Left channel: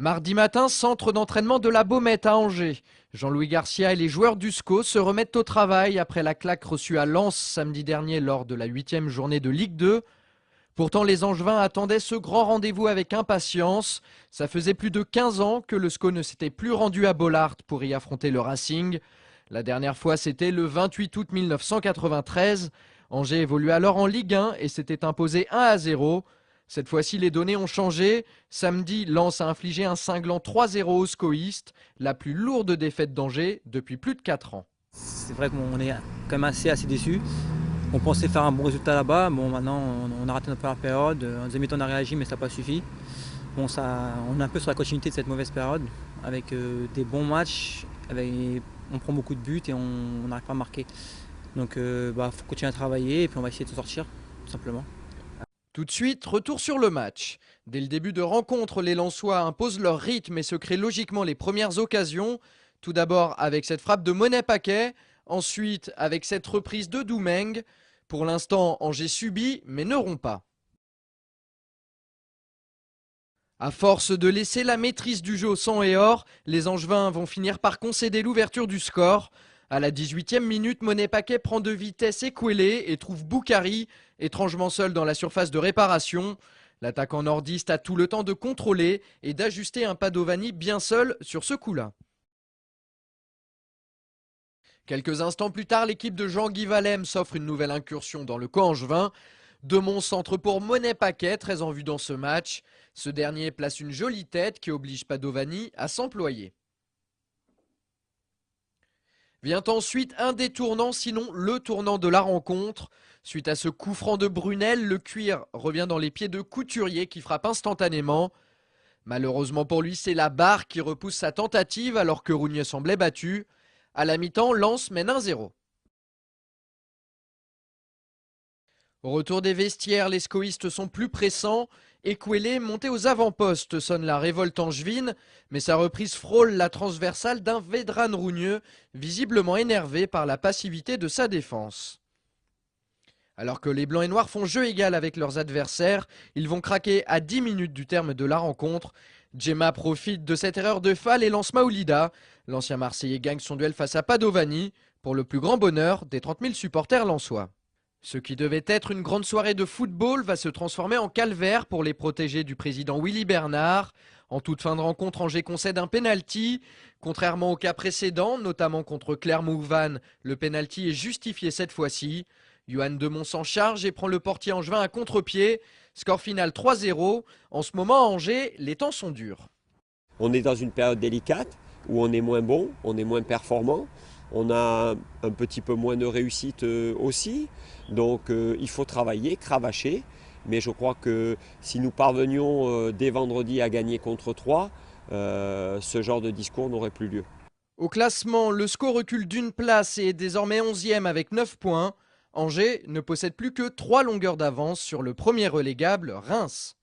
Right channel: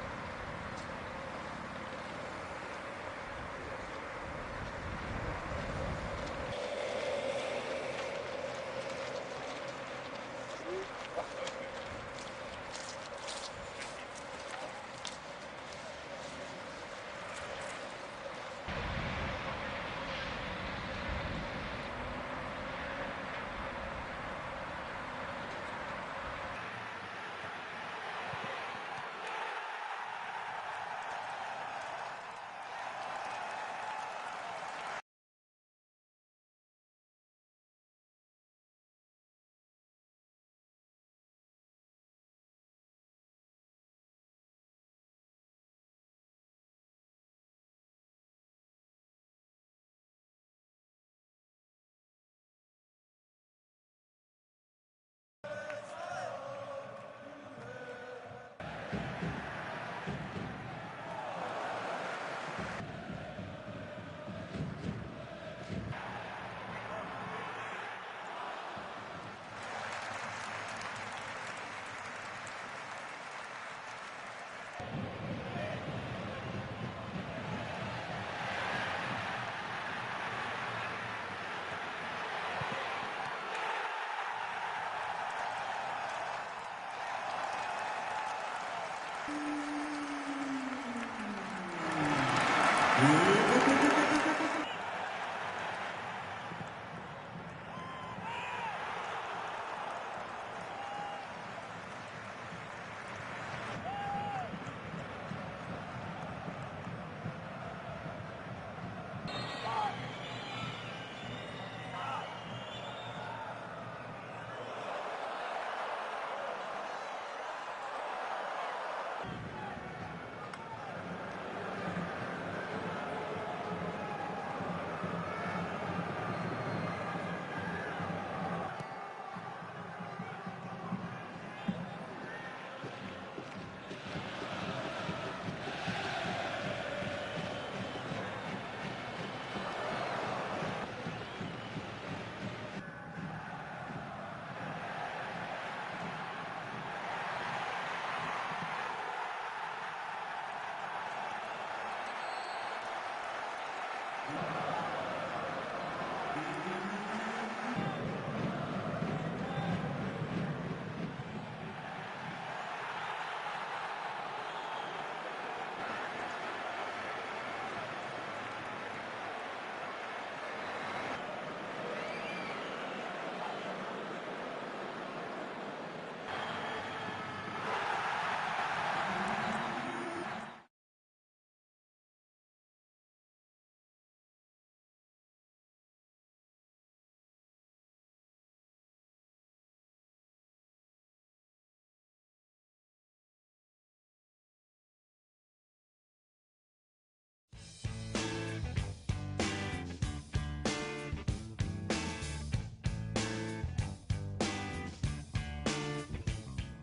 Mardi matin, centre d'entraînement de la Baumette à Angers. Jean-Louis Garcia et les joueurs du SCO se remettent au travail après la claque reçue à Lens samedi dernier lors de la 8e journée de Ligue 2. Pourtant, les Angevins attendaient ce grand rendez-vous avec impatience. Ça faisait plus de 15 ans que le SCO ne s'était plus rendu à Bollaert pour y affronter le Racing. La dernière fois, c'était le 28 août 1993. Angers évoluait alors en Ligue 1 et s'était imposé 1-0. Cette fois-ci, les données ont changé. Samedi, Lens a infligé un cinglant 3-0 aux SCOistes, la plus lourde défaite d'Angers depuis plus de 4 ans. C'est vrai qu'on est quand même assez déçus. On pensait faire un bon résultat là-bas. Bon, maintenant, on a raté notre première période. En deuxième mi-temps, on a réagi, mais ça n'a pas suffi. Bon, on est un peu sur la continuité de cette mauvaise période, avec des bons matchs. On prend beaucoup de buts et on n'arrive pas à marquer. Donc, faut continuer à travailler et puis on va essayer de s'en sortir, tout simplement. Tout de suite, retour sur le match. Dès le début de rencontre, les Lensois imposent leur rythme et se créent logiquement les premières occasions. Tout d'abord avec cette frappe de Monet-Paquet, ensuite avec cette reprise de Doumeng. Pour l'instant, Angers subit mais ne rompt pas. À force de laisser la maîtrise du jeu au sang et or, les Angevins vont finir par concéder l'ouverture du score. À la 18e minute, Monet-Paquet prend de vitesse Ekwele et trouve Boukari, étrangement seul dans la surface de réparation. L'attaquant nordiste a tout le temps de contrôler et d'ajuster un Padovani bien seul sur ce coup-là. Quelques instants plus tard, l'équipe de Jean-Guy Valem s'offre une nouvelle incursion dans le camp angevin. Demont centre pour Monet-Paquet, très en vue dans ce match. Ce dernier place une jolie tête qui oblige Padovani à s'employer. Vient ensuite un des tournants, sinon le tournant de la rencontre. Suite à ce coup franc de Brunel, le cuir revient dans les pieds de Couturier qui frappe instantanément. Malheureusement pour lui, c'est la barre qui repousse sa tentative alors que Rougneux semblait battu. À la mi-temps, Lens mène 1-0. Au retour des vestiaires, les SCOistes sont plus pressants. Ekwele, monté aux avant-postes, sonne la révolte angevine, mais sa reprise frôle la transversale d'un Vedran Rougneux, visiblement énervé par la passivité de sa défense. Alors que les Blancs et Noirs font jeu égal avec leurs adversaires, ils vont craquer à 10 minutes du terme de la rencontre. Djema profite de cette erreur de Fall et lance Maoulida. L'ancien Marseillais gagne son duel face à Padovani, pour le plus grand bonheur des 30 000 supporters lensois. Ce qui devait être une grande soirée de football va se transformer en calvaire pour les protégés du président Willy Bernard. En toute fin de rencontre, Angers concède un pénalty. Contrairement au cas précédent, notamment contre Clermont-Auvergne, le pénalty est justifié cette fois-ci. Yoann Demont s'en charge et prend le portier angevin à contre-pied. Score final 3-0. En ce moment, à Angers, les temps sont durs. On est dans une période délicate où on est moins bon, on est moins performant. On a un petit peu moins de réussite aussi. Donc il faut travailler, cravacher. Mais je crois que si nous parvenions dès vendredi à gagner contre 3, ce genre de discours n'aurait plus lieu. Au classement, le SCO recule d'une place et est désormais 11e avec 9 points. Angers ne possède plus que 3 longueurs d'avance sur le premier relégable, Reims.